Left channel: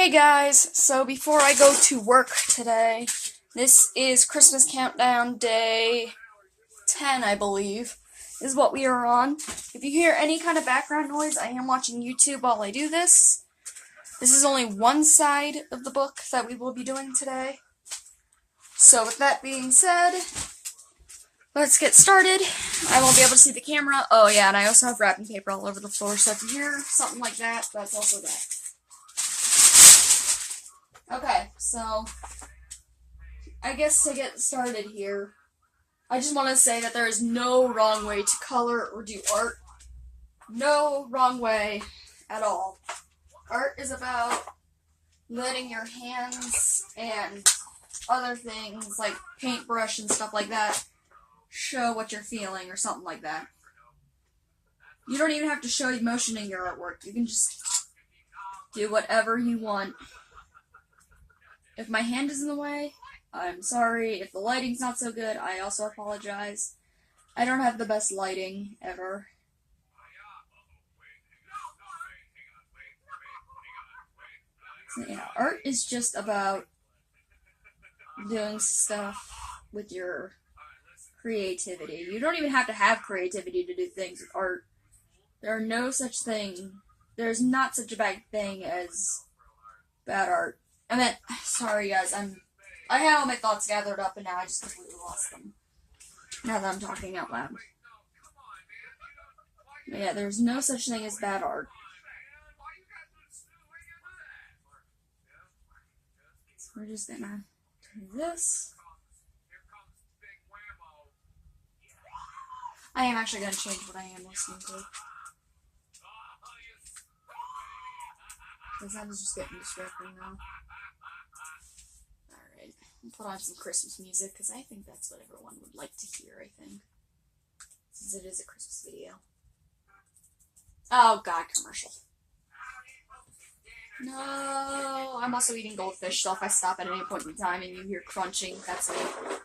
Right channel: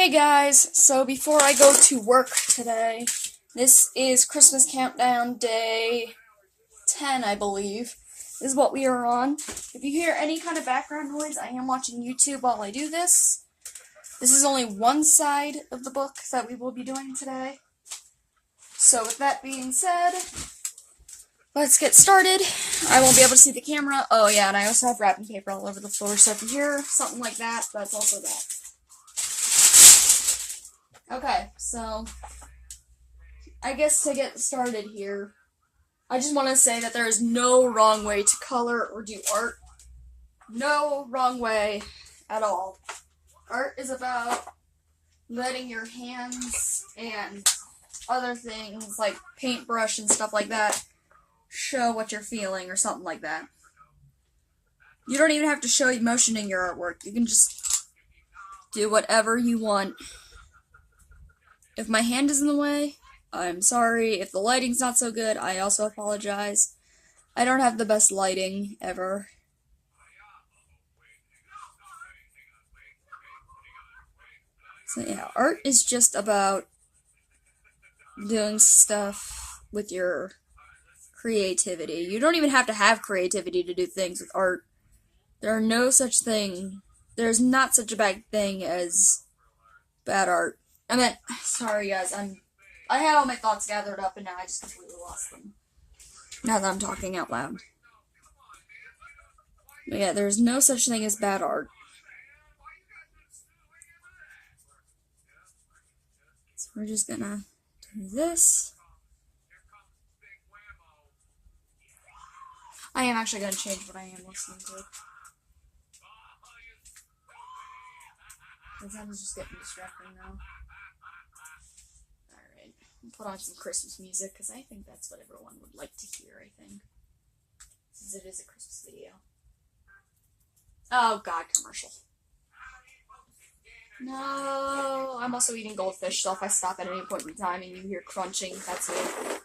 Hey guys, so before I go to work today, this is Christmas Countdown Day 10, I believe, is what we are on. If you hear any kind of background noise, I am watching YouTube while I do this. This is only one side of the book that we will be doing today. So with that being said, let's get started. I won't be able to see the camera. Oh yeah, and I also have wrapping paper all over the floor, so if you hear something like that, that's also that. Okay, so I guess to get started here, I just want to say that there is no wrong way to color or do art. No wrong way at all. Art is about letting your hands and other things like paintbrush and stuff like that show what you're feeling or something like that. You don't even have to show emotion in your artwork. You can just do whatever you want. If my hand is in the way, I'm sorry. If the lighting's not so good, I also apologize. I don't have the best lighting ever. So yeah, art is just about doing stuff with your creativity. You don't even have to have creativity to do things with art. There's not such a bad thing as bad art. Sorry guys, I had all my thoughts gathered up and now I just completely lost them. Now that I'm talking out loud. But yeah, there's no such thing as bad art. So we're just gonna do this. I am actually gonna change what I am listening to. Because that is just getting distracting now. Alright, I'll put on some Christmas music, because I think that's what everyone would like to hear, I think. Since it is a Christmas video. Oh god, commercial. No, I'm also eating goldfish, so if I stop at any point in time and you hear crunching, that's it.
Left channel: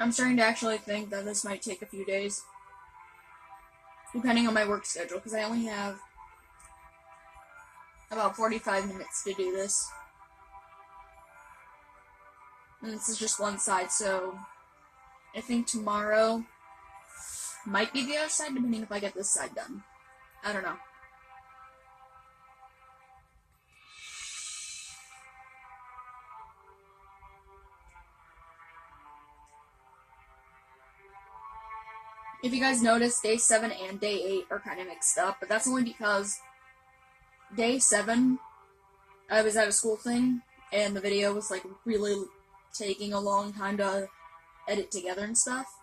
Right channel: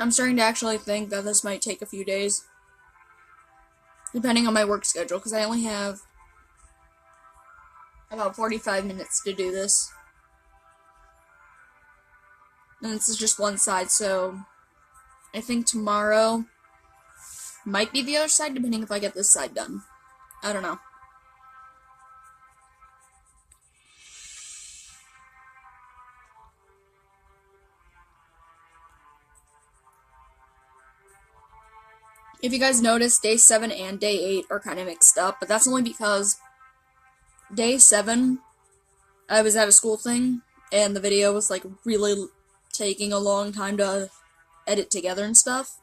I'm starting to actually think that this might take a few days. Depending on my work schedule, because I only have about 45 minutes to do this. And this is just one side, so I think tomorrow might be the other side, depending if I get this side done. I don't know. If you guys notice, day 7 and day 8 are kind of mixed up, but that's only because day 7, I was at a school thing, and the video was, like, really taking a long time to edit together and stuff.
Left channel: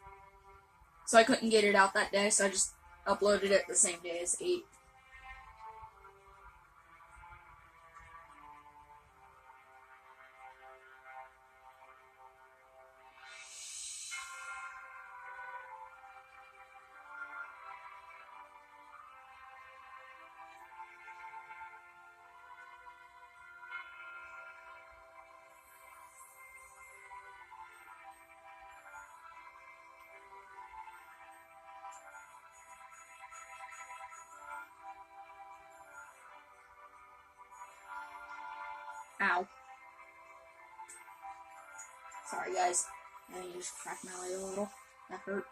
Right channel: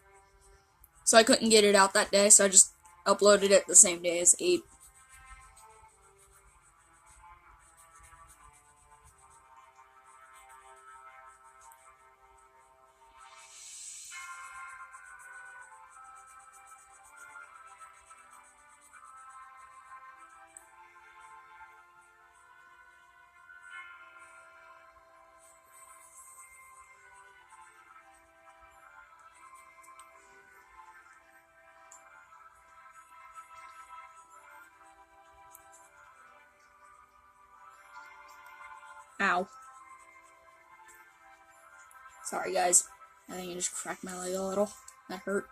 So I couldn't get it out that day, so I just uploaded it the same day as 8. Ow. Sorry, guys. I think I just cracked my leg a little. That hurt.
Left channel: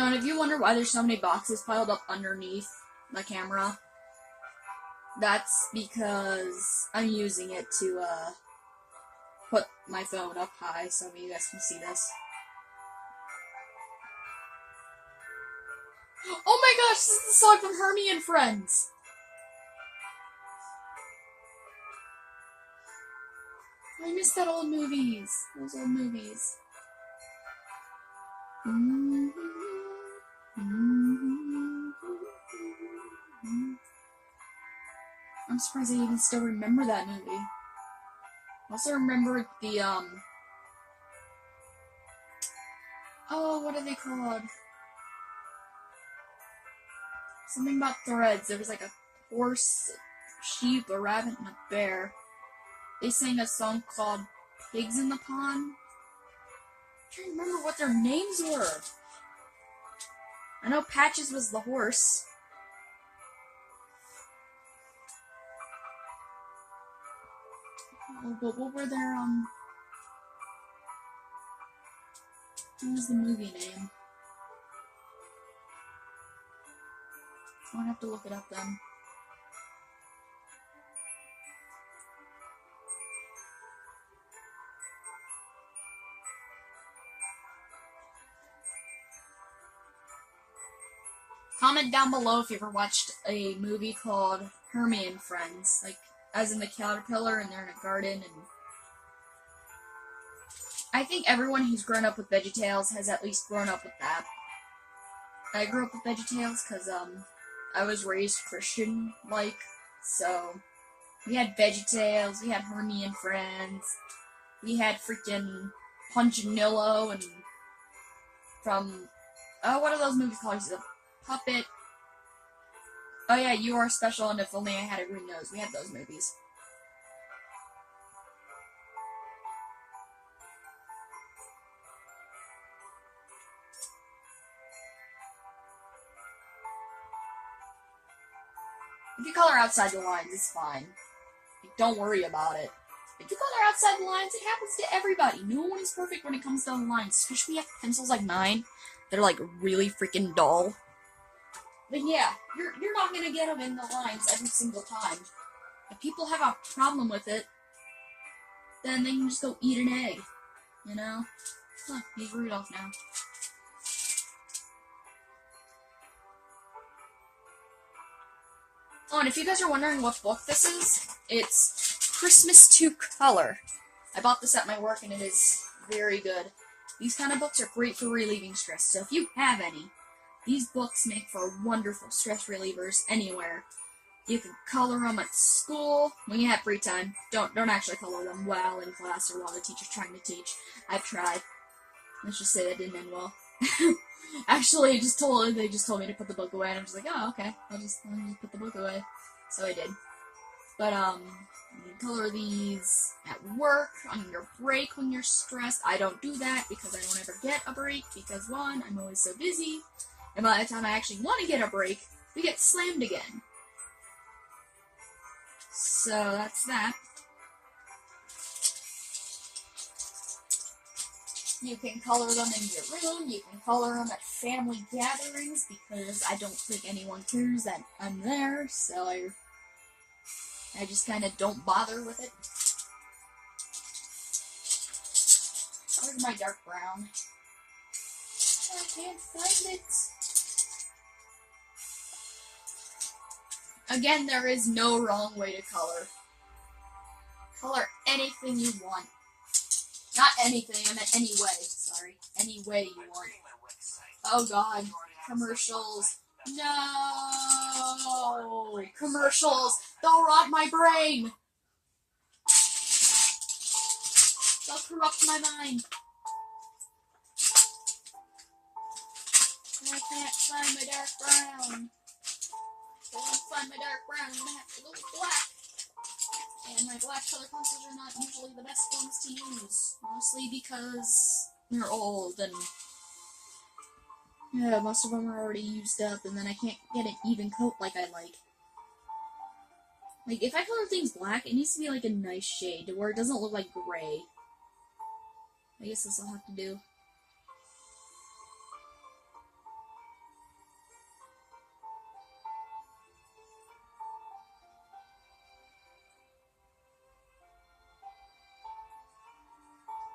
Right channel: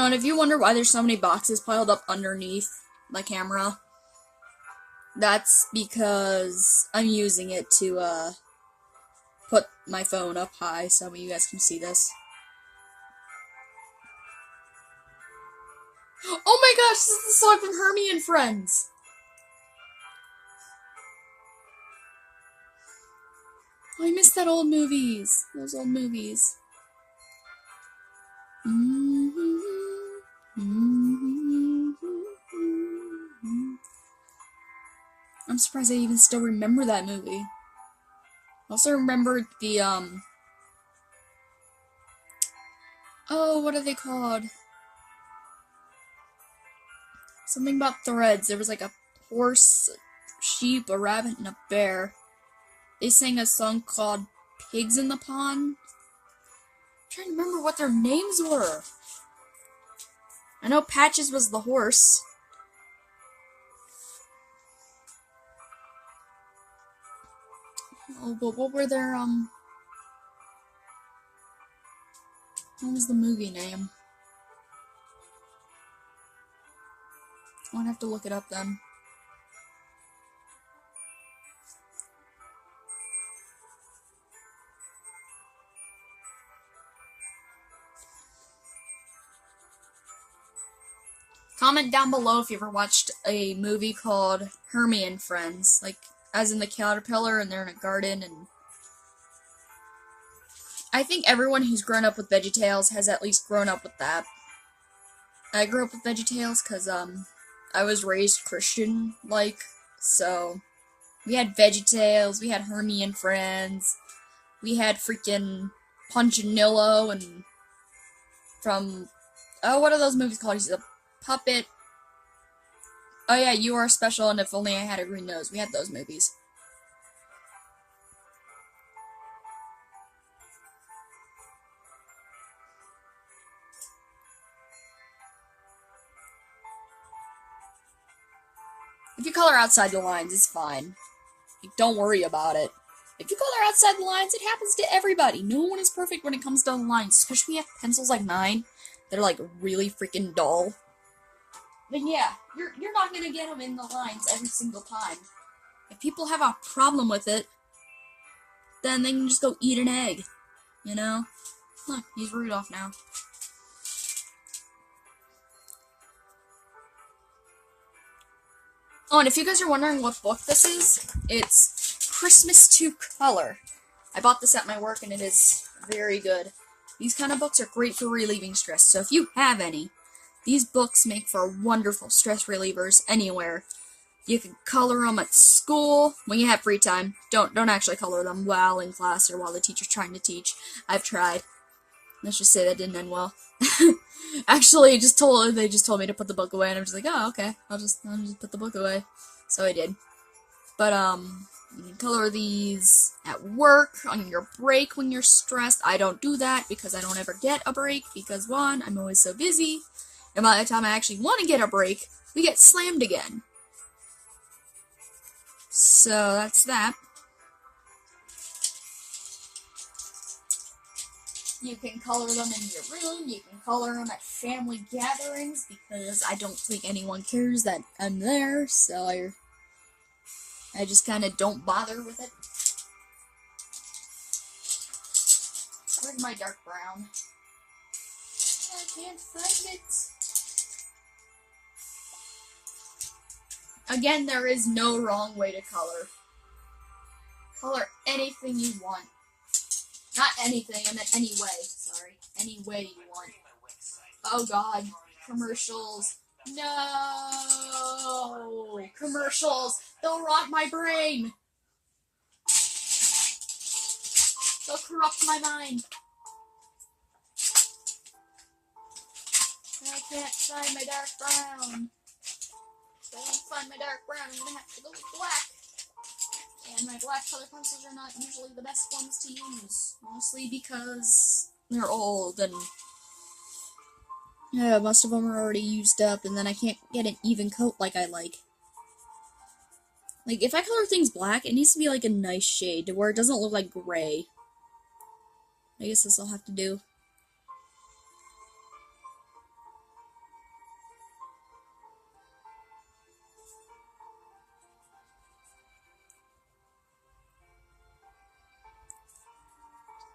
Oh, and if you wonder why there's so many boxes piled up underneath the camera, that's because I'm using it to, put my phone up high so you guys can see this. Oh my gosh, this is the song from Hermie and Friends! Oh, I missed those old movies. I'm surprised I even still remember that movie. I also remember the, oh, what are they called? Something about threads. There was like a horse, a sheep, a rabbit, and a bear. They sang a song called Pigs in the Pond. I'm trying to remember what their names were. I know Patches was the horse. Oh, but what were their, what was the movie name? I'll have to look it up then. Comment down below if you ever watched a movie called Hermie and Friends, like, as in the caterpillar and they're in a garden, and I think everyone who's grown up with VeggieTales has at least grown up with that. I grew up with VeggieTales because, I was raised Christian-like, so we had VeggieTales, we had Hermie and Friends, we had freaking Punchinillo, and from, oh, what are those movies called? He's a puppet. Oh yeah, You Are Special, and If Only I Had a Green Nose. We had those movies. If you color outside the lines, it's fine. Like, don't worry about it. If you color outside the lines, it happens to everybody. No one is perfect when it comes to the lines, especially when you have pencils like mine that are like really freaking dull. Then yeah, you're not gonna get them in the lines every single time. If people have a problem with it, then they can just go eat an egg, you know? Look, he's Rudolph now. Oh, and if you guys are wondering what book this is, it's Christmas to Color. I bought this at my work and it is very good. These kind of books are great for relieving stress, so if you have any, these books make for wonderful stress relievers anywhere. You can color them at school when you have free time. Don't actually color them while in class or while the teacher's trying to teach. I've tried. Let's just say that didn't end well. Actually, they just told me to put the book away, and I'm just like, oh, okay, I'll just put the book away. So I did. But you can color these at work, on your break when you're stressed. I don't do that because I don't ever get a break because one, I'm always so busy, and by the time I actually want to get a break, we get slammed again. So that's that. You can color them in your room, you can color them at family gatherings, because I don't think anyone cares that I'm there, so I just kind of don't bother with it. Where's my dark brown? I can't find it. Again, there is no wrong way to color. Color anything you want. Not anything, I meant any way. Sorry. Any way you want. Oh god. Commercials. No! Commercials! They'll rot my brain! They'll corrupt my mind. And I can't find my dark brown. If I don't find my dark brown, I'm gonna have to go with black. And my black color pencils are not usually the best ones to use. Mostly because they're old and yeah, most of them are already used up, and then I can't get an even coat like I like. Like, if I color things black, it needs to be like a nice shade to where it doesn't look like gray. I guess this I'll have to do.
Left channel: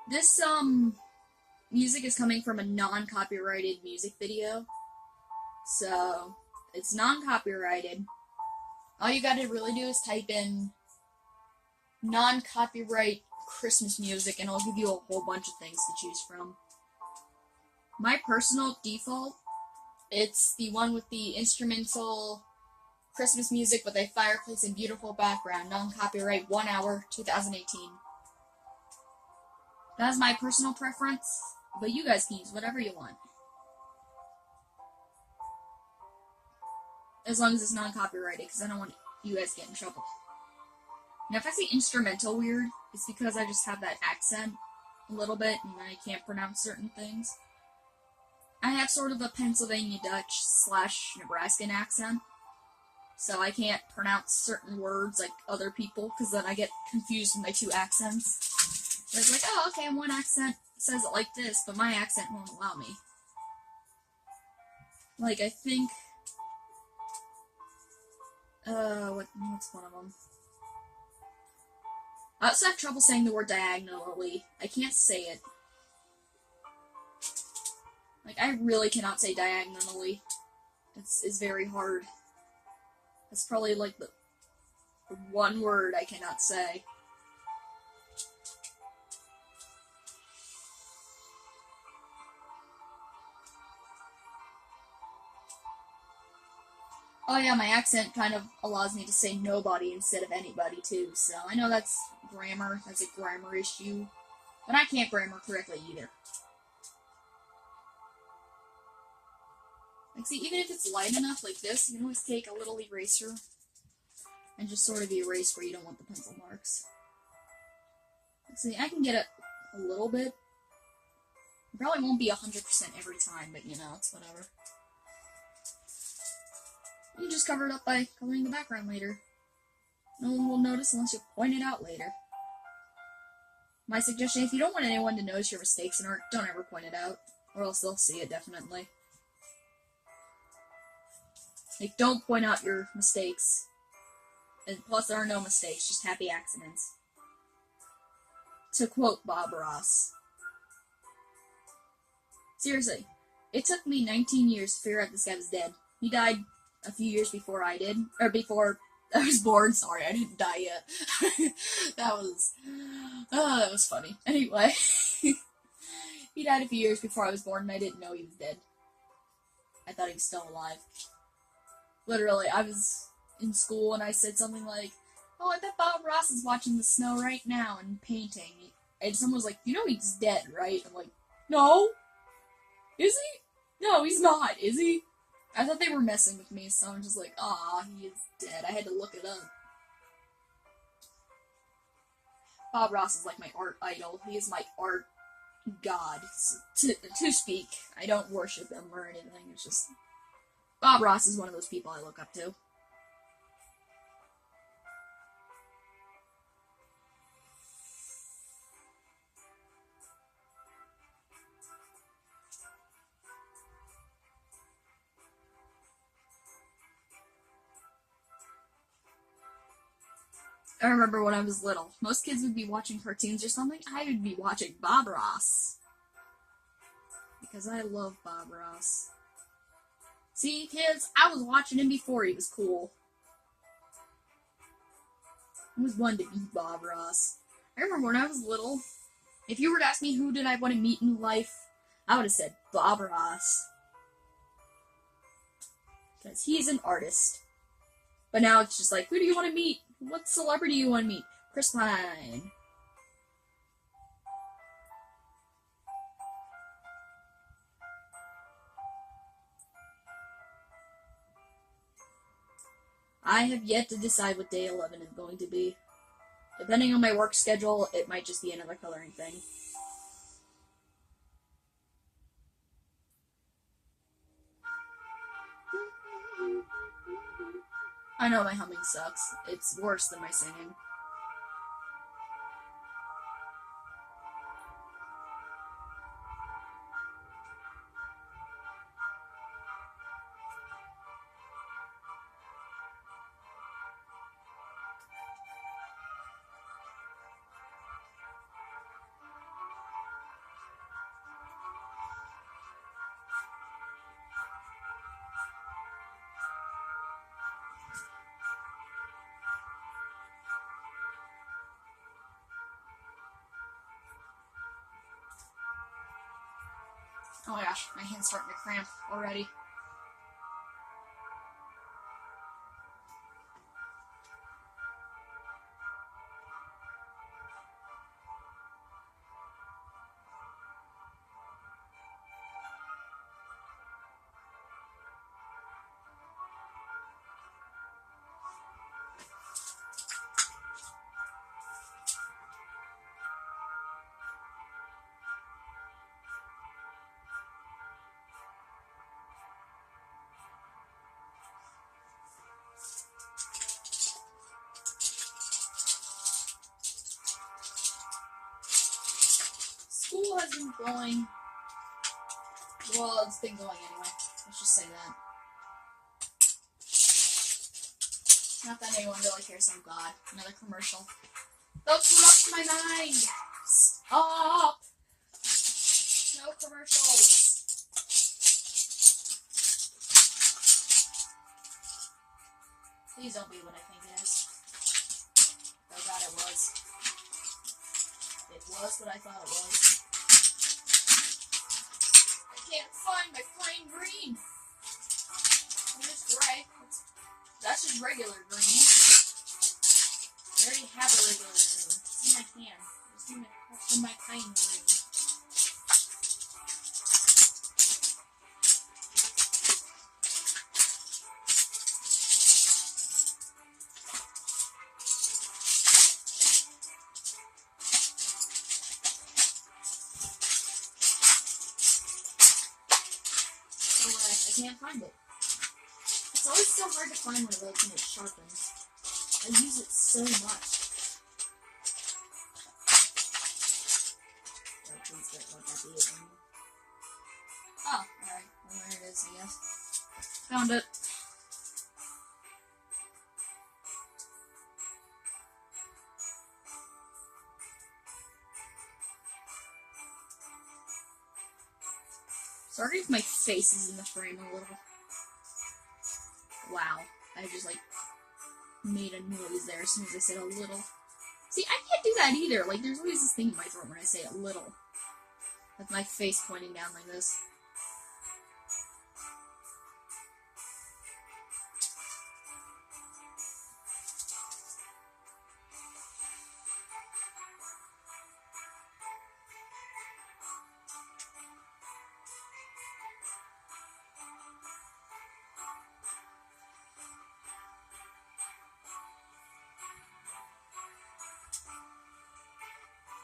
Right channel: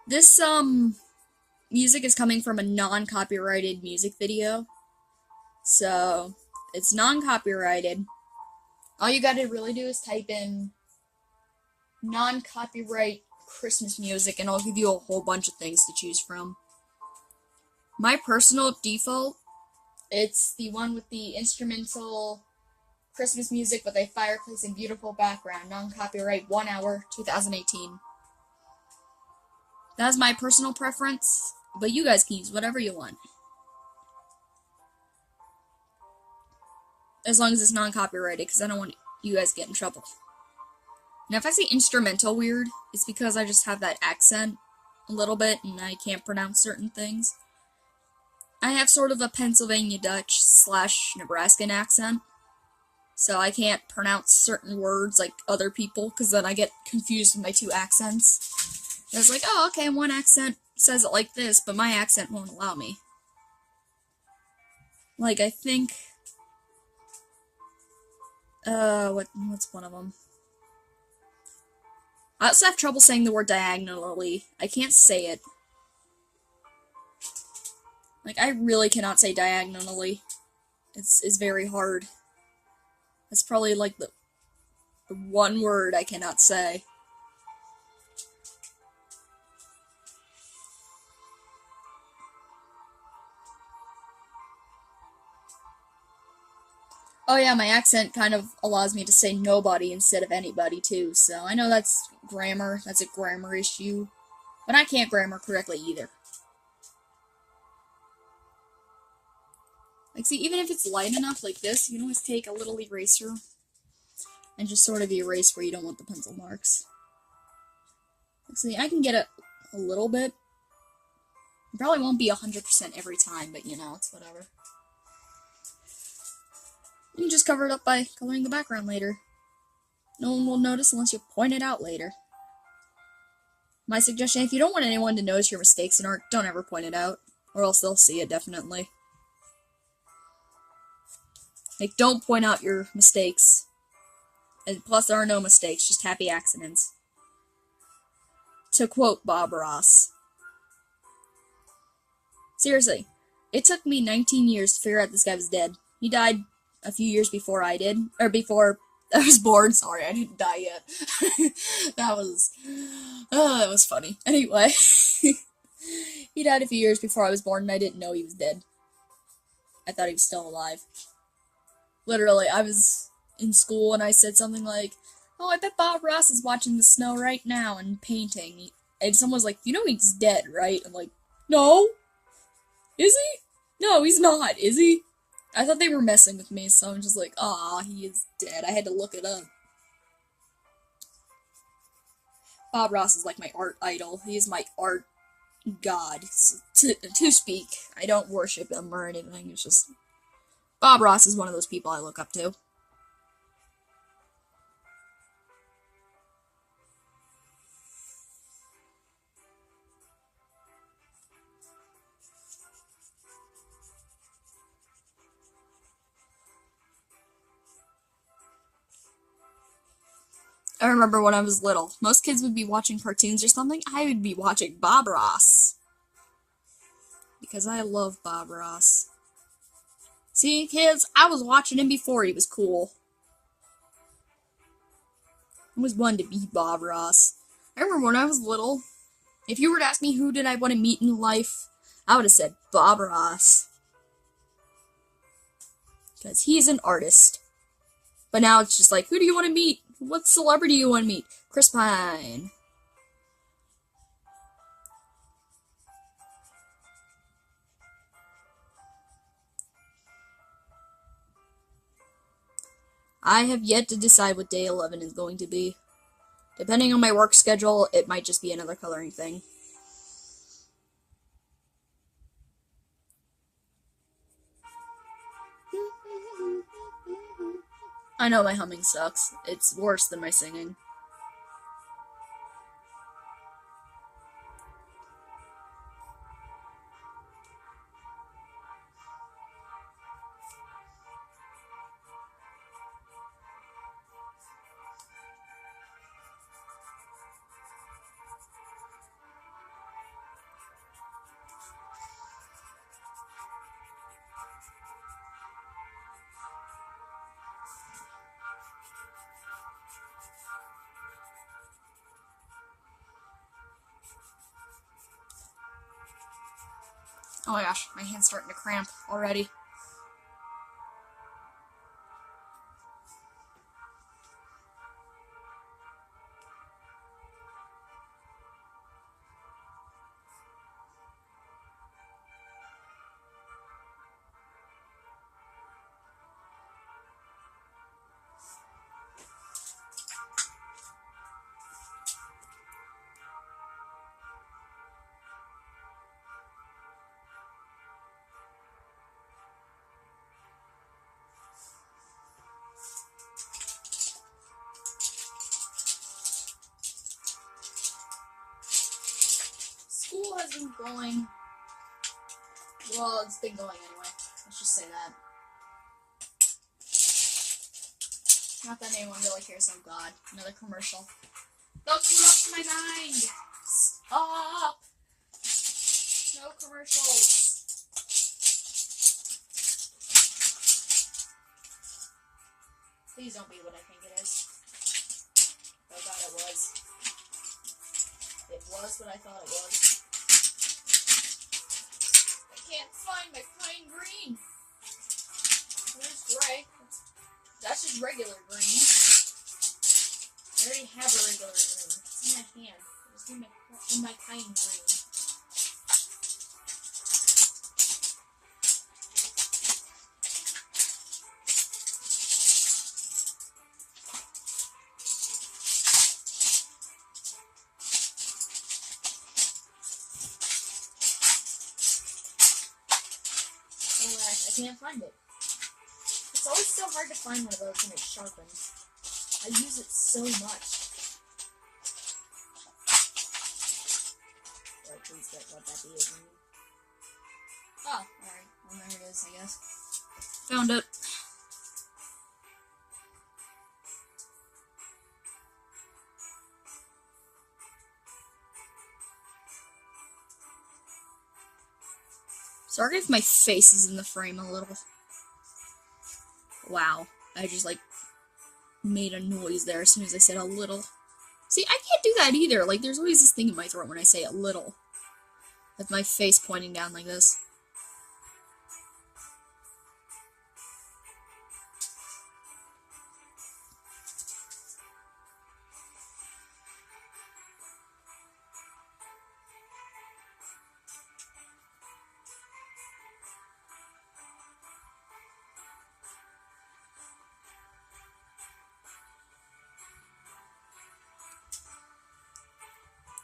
This music is coming from a non-copyrighted music video. So, it's non-copyrighted. All you gotta really do is type in non-copyright Christmas music and I'll give you a whole bunch of things to choose from. My personal default, it's the one with the instrumental Christmas music with a fireplace and beautiful background, non-copyright, 1 hour, 2018. That's my personal preference, but you guys can use whatever you want. As long as it's non-copyrighted, because I don't want you guys to get in trouble. Now, if I say instrumental weird, it's because I just have that accent a little bit, and I can't pronounce certain things. I have sort of a Pennsylvania Dutch / Nebraskan accent, so I can't pronounce certain words like other people, because then I get confused with my two accents. It's like, oh, okay, one accent says it like this, but my accent won't allow me. Like, I think... what's one of them? I also have trouble saying the word diagonally. I can't say it. Like, I really cannot say diagonally. It's very hard. That's probably, like, the one word I cannot say. Oh yeah, my accent kind of allows me to say nobody instead of anybody, too, so I know that's grammar, that's a grammar issue, but I can't grammar correctly either. Like, see, even if it's light enough like this, you can always take a little eraser and just sort of erase where you don't want the pencil marks. Like, see, I can get it a little bit. It probably won't be 100% every time, but you know, it's whatever. You can just cover it up by coloring the background later. No one will notice unless you point it out later. My suggestion, if you don't want anyone to notice your mistakes in art, don't ever point it out, or else they'll see it, definitely. Like, don't point out your mistakes. And plus, there are no mistakes, just happy accidents. To quote Bob Ross. Seriously, it took me 19 years to figure out this guy was dead. He died a few years before I did, or before I was born. Sorry, I didn't die yet. that was funny. Anyway, he died a few years before I was born, and I didn't know he was dead. I thought he was still alive. Literally, I was in school and I said something like, "Oh, I bet Bob Ross is watching the snow right now and painting." And someone was like, "You know he's dead, right?" I'm like, "No, is he? No, he's not. Is he?" I thought they were messing with me, so I'm just like, "Ah, he is dead." I had to look it up. Bob Ross is like my art idol. He is my art god, to speak. I don't worship him or anything. It's just Bob Ross is one of those people I look up to. I remember when I was little, most kids would be watching cartoons or something. I would be watching Bob Ross. Because I love Bob Ross. See, kids, I was watching him before he was cool. I was wanting to be Bob Ross. I remember when I was little, if you were to ask me who did I want to meet in life, I would have said Bob Ross. Because he's an artist. But now it's just like, who do you want to meet? What celebrity do you want to meet? Chris Pine. I have yet to decide what day 11 is going to be. Depending on my work schedule, it might just be another coloring thing. I know my humming sucks. It's worse than my singing. Oh my gosh, my hand's starting to cramp already. School has been going. Well, it's been going anyway. Let's just say that. Not that anyone really cares. Oh god, another commercial. Don't corrupt my mind! Stop! No commercials. Please don't be what I think it is. Oh god, it was. It was what I thought it was. I can't find my pine green. Where's gray? That's just regular green. I already have a regular green. It's in my hand. It's in my pine green. I can't find it. It's always so hard to find one of those when it sharpens. I use it so much. Oh, please don't let that be it. Oh, alright. Well, there it is, I guess. Found it. Sorry if my face is in the frame a little. Wow. I just, made a noise there as soon as I said a little. See, I can't do that either. There's always this thing in my throat when I say a little. With my face pointing down like this.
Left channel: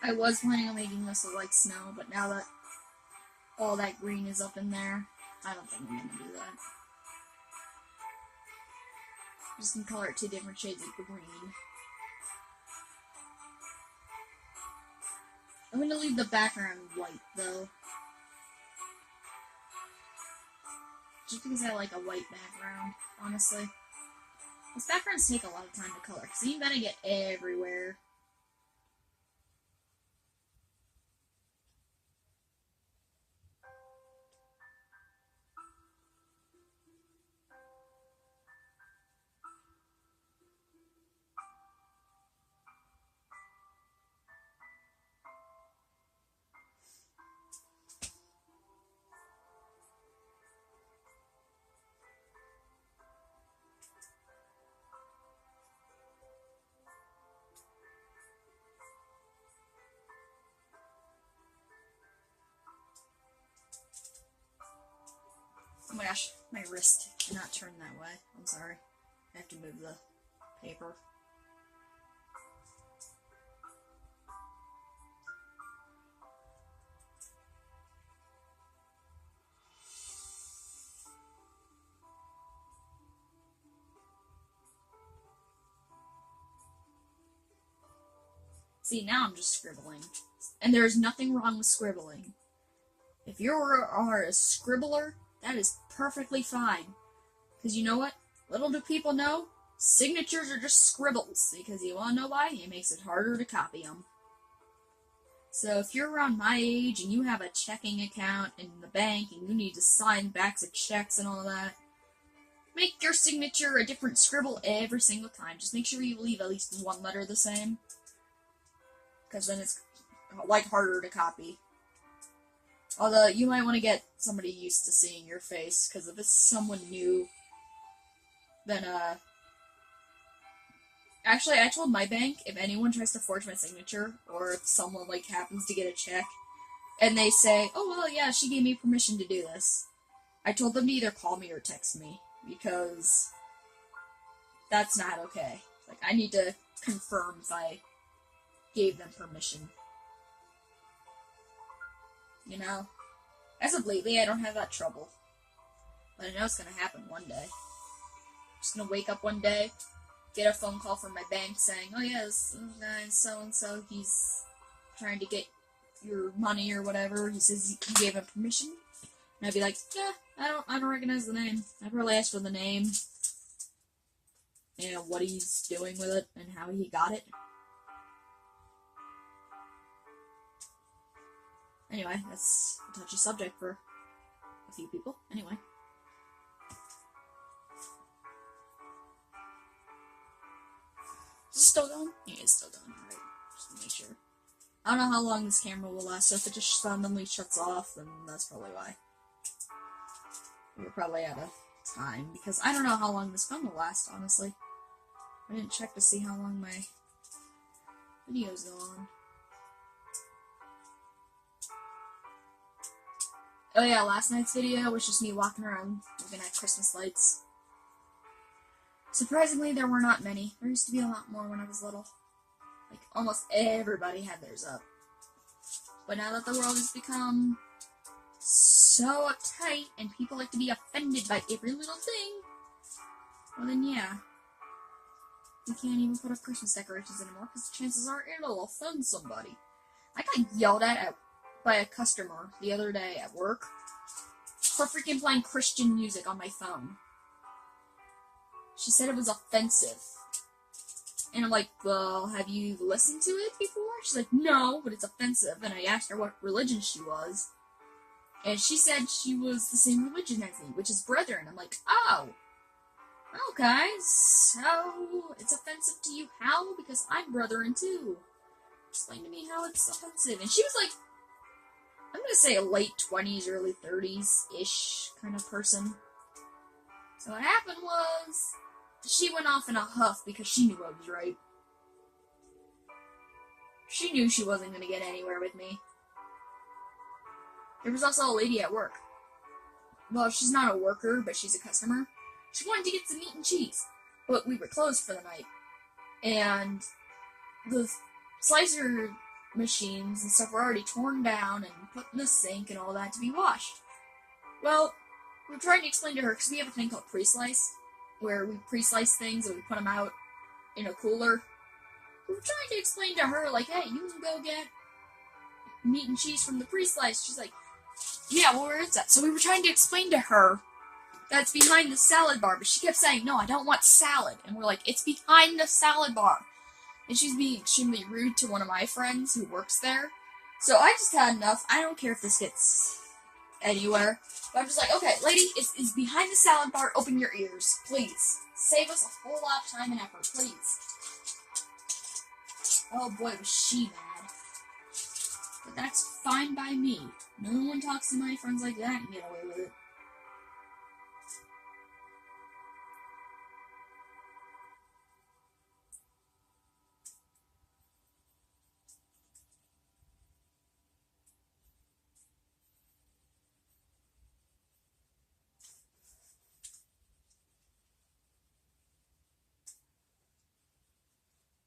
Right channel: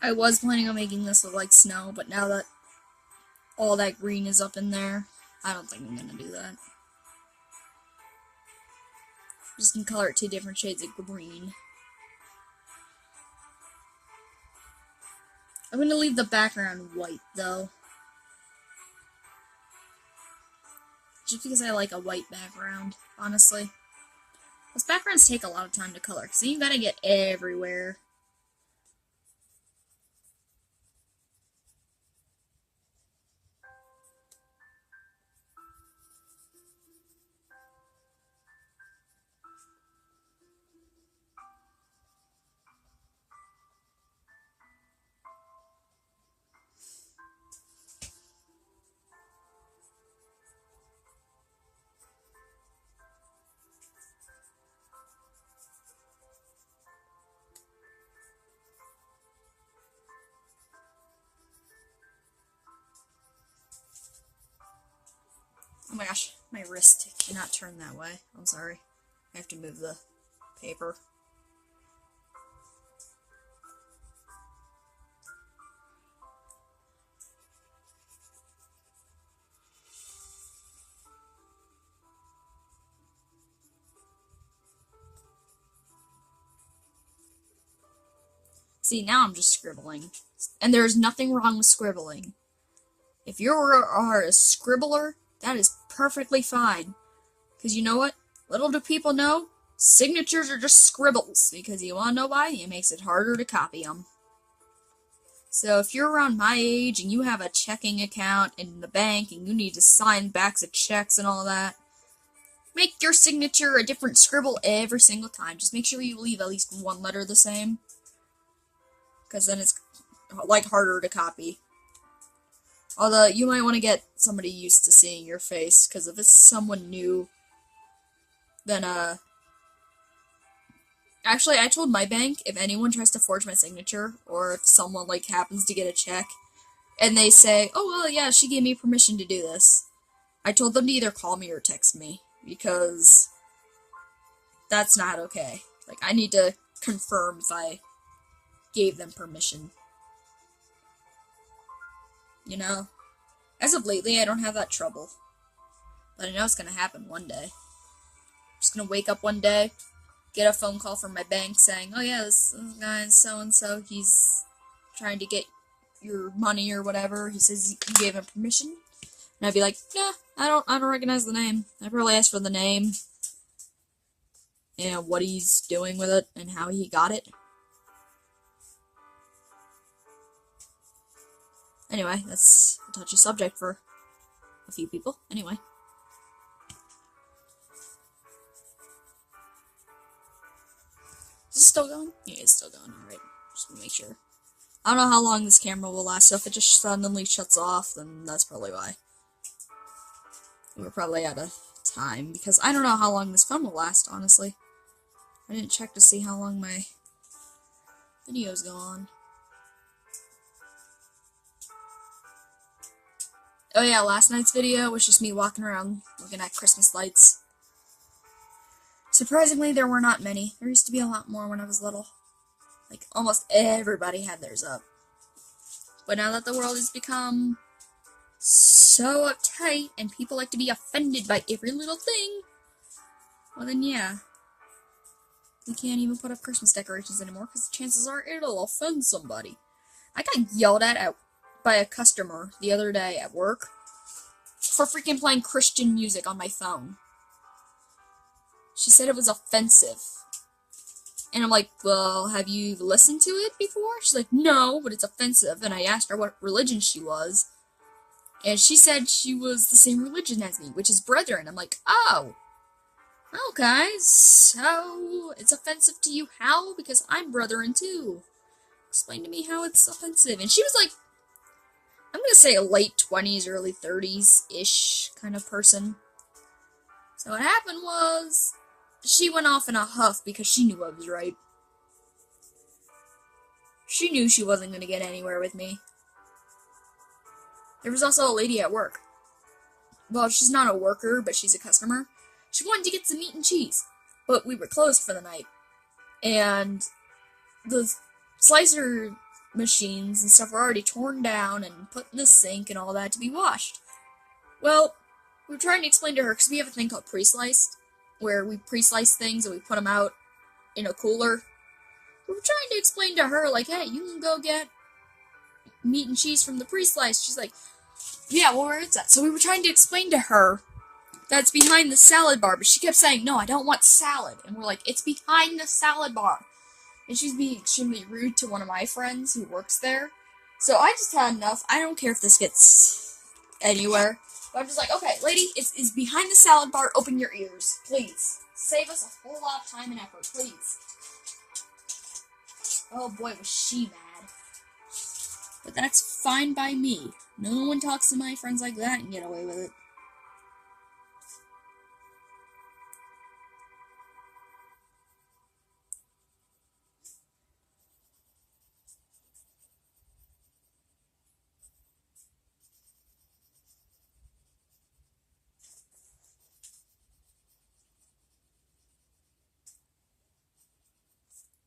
I was planning on making this look like snow, but now that all that green is up in there, I don't think I'm gonna do that. I'm just gonna color it 2 different shades of green. I'm gonna leave the background white, though. Just because I like a white background, honestly. Those backgrounds take a lot of time to color, because you gotta get everywhere. Oh my gosh, my wrist cannot turn that way. I'm sorry. I have to move the paper. See, now I'm just scribbling. And there's nothing wrong with scribbling. If you are a scribbler, that is perfectly fine. Because you know what? Little do people know, signatures are just scribbles. Because you want to know why? It makes it harder to copy them. So if you're around my age and you have a checking account in the bank and you need to sign backs of checks and all that, make your signature a different scribble every single time. Just make sure you leave at least one letter the same. Because then it's, harder to copy. Although, you might want to get somebody used to seeing your face, because if it's someone new, then, Actually, I told my bank, if anyone tries to forge my signature, or if someone, like, happens to get a check, and they say, oh, well, yeah, she gave me permission to do this, I told them to either call me or text me, because that's not okay. Like, I need to confirm if I gave them permission. You know? As of lately, I don't have that trouble. But I know it's gonna happen one day. I'm just gonna wake up one day, get a phone call from my bank saying, oh yeah, this guy is so-and-so, he's trying to get your money or whatever. He says you gave him permission. And I'd be like, yeah, I don't recognize the name. I probably asked for the name and what he's doing with it and how he got it. Anyway, that's a touchy subject for a few people. Anyway. Is it still going? Yeah, it's still going. Alright, just to make sure. I don't know how long this camera will last, so if it just suddenly shuts off, then that's probably why. We're probably out of time, because I don't know how long this phone will last, honestly. I didn't check to see how long my videos go on. Oh yeah, last night's video was just me walking around looking at Christmas lights. Surprisingly, there were not many. There used to be a lot more when I was little. Like, almost everybody had theirs up. But now that the world has become so uptight and people like to be offended by every little thing, well then yeah. We can't even put up Christmas decorations anymore because the chances are it'll offend somebody. I got yelled at by a customer the other day at work for freaking playing Christian music on my phone. She said it was offensive. And I'm like, well, have you listened to it before? She's like, no, but it's offensive. And I asked her what religion she was. And she said she was the same religion as me, which is Brethren. I'm like, oh, okay, so it's offensive to you how? Because I'm Brethren too. Explain to me how it's offensive. And she was like, I'm gonna say a late 20s, early 30s-ish kind of person. So what happened was, she went off in a huff because she knew I was right. She knew she wasn't gonna get anywhere with me. There was also a lady at work. Well, she's not a worker, but she's a customer. She wanted to get some meat and cheese, but we were closed for the night. And the slicer machines and stuff were already torn down and put in the sink and all that to be washed. Well, we were trying to explain to her, because we have a thing called pre-sliced, where we pre-slice things and we put them out in a cooler. We were trying to explain to her, like, hey, you can go get meat and cheese from the pre-slice. She's like, yeah, well, where is that? So we were trying to explain to her that it's behind the salad bar, but she kept saying, no, I don't want salad. And we're like, it's behind the salad bar. And she's being extremely rude to one of my friends who works there. So I just had enough. I don't care if this gets anywhere. But I'm just like, okay, lady, it's behind the salad bar. Open your ears, please. Save us a whole lot of time and effort, please. Oh boy, was she mad. But that's fine by me. No one talks to my friends like that and get away with it.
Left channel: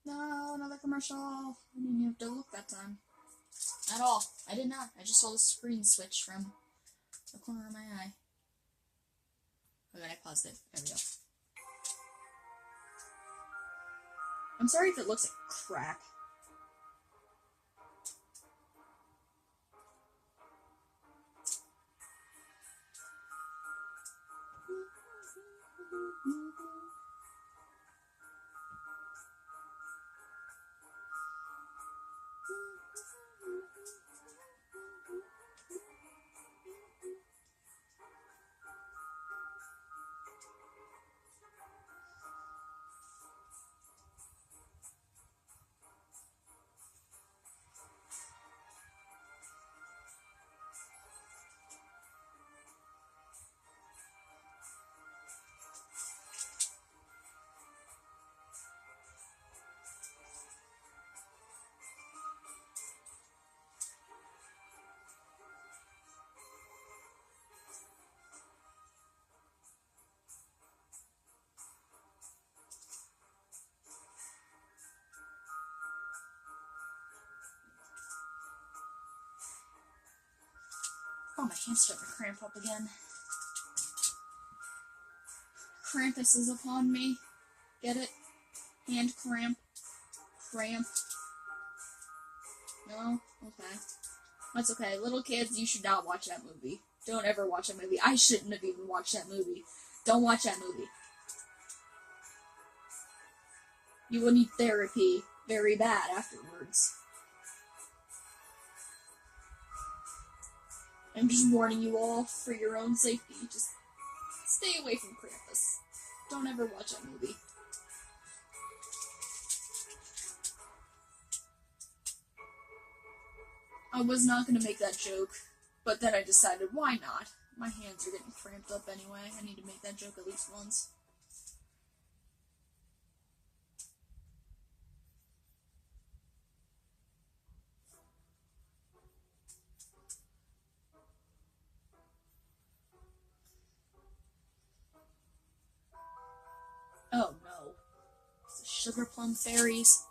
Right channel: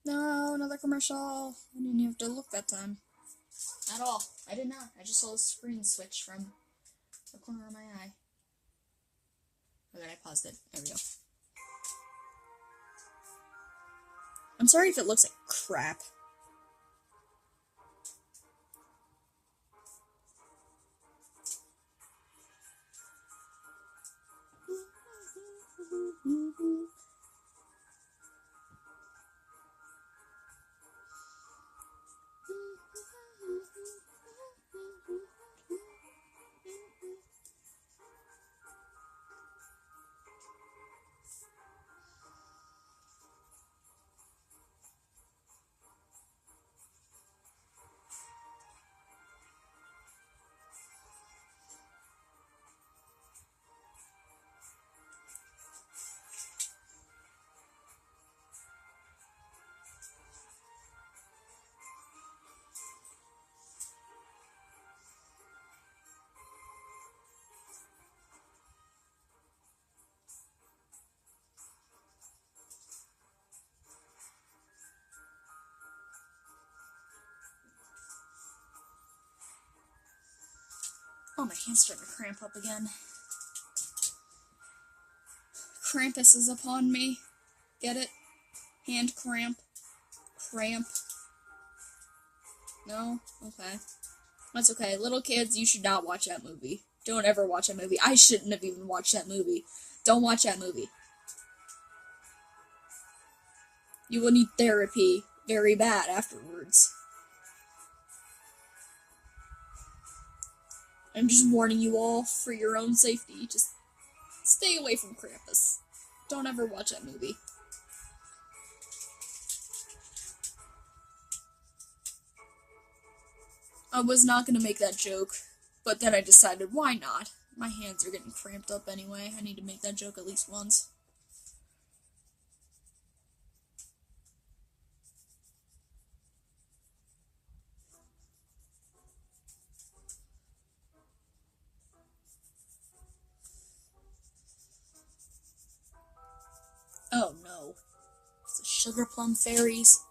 No, another commercial. I didn't even have to look that time. At all. I did not. I just saw the screen switch from the corner of my eye. Okay, I paused it. There we go. I'm sorry if it looks like crap. Oh, my hand's starting to cramp up again. Krampus is upon me. Get it? Hand cramp. Cramp. No? Okay. That's okay. Little kids, you should not watch that movie. Don't ever watch that movie. I shouldn't have even watched that movie. Don't watch that movie. You will need therapy very bad afterwards. I'm just warning you all for your own safety. Just stay away from Krampus. Don't ever watch that movie. I was not going to make that joke, but then I decided, why not? My hands are getting cramped up anyway. I need to make that joke at least once. Oh no. It's the sugar plum fairies.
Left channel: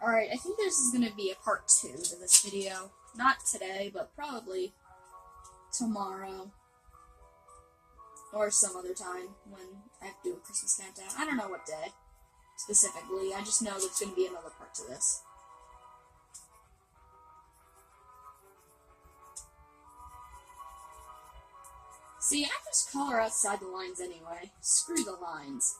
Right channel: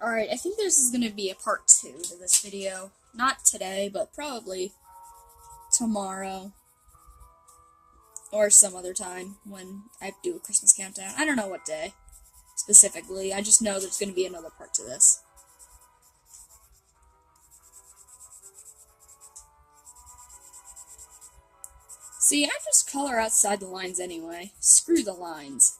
Alright, I think this is going to be a part 2 to this video. Not today, but probably tomorrow. Or some other time when I have to do a Christmas countdown. I don't know what day specifically. I just know there's going to be another part to this. See, I just color outside the lines anyway. Screw the lines.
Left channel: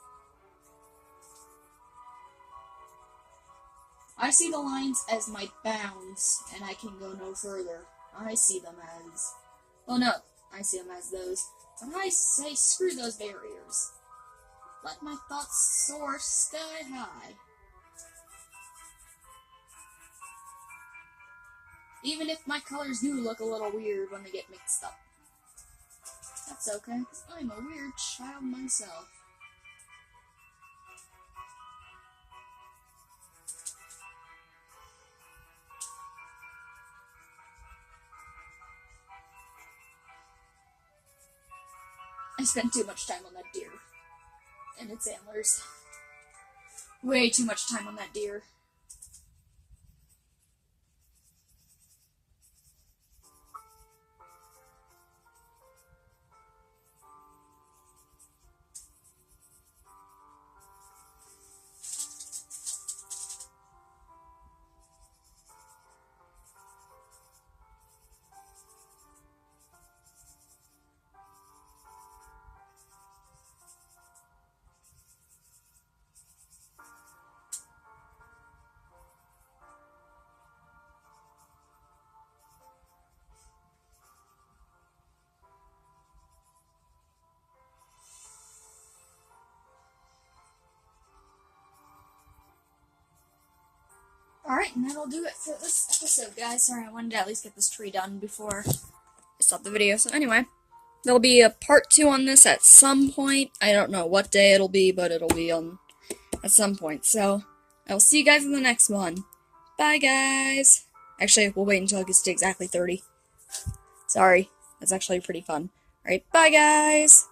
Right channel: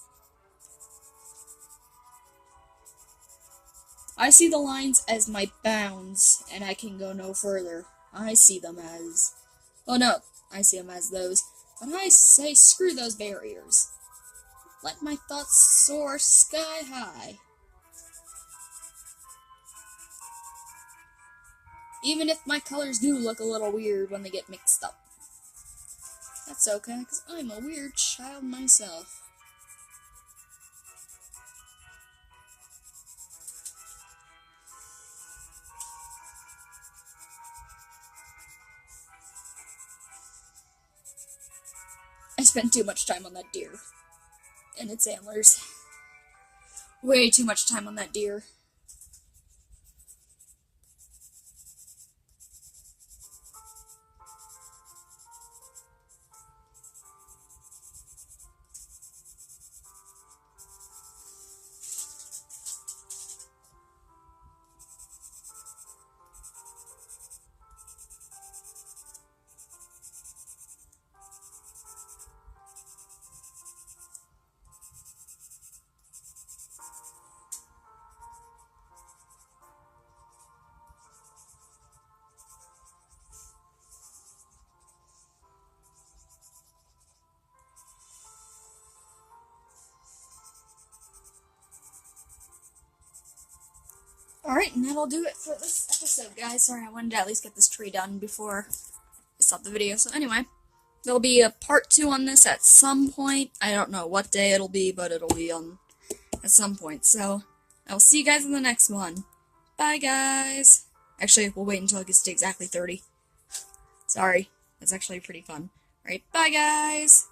I see the lines as my bounds, and I can go no further. I see them as... Oh no, I see them as those. But I say screw those barriers. Let my thoughts soar sky high. Even if my colors do look a little weird when they get mixed up. That's okay, because I'm a weird child myself. I spent too much time on that deer. And its antlers. Way too much time on that deer. Alright, and that'll do it for this episode, guys. Sorry, I wanted to at least get this tree done before I stop the video. So anyway, there'll be a part 2 on this at some point. I don't know what day it'll be, but it'll be on at some point. So, I'll see you guys in the next one. Bye, guys! Actually, we'll wait until it gets to exactly 30. Sorry, that's actually pretty fun. Alright, bye, guys!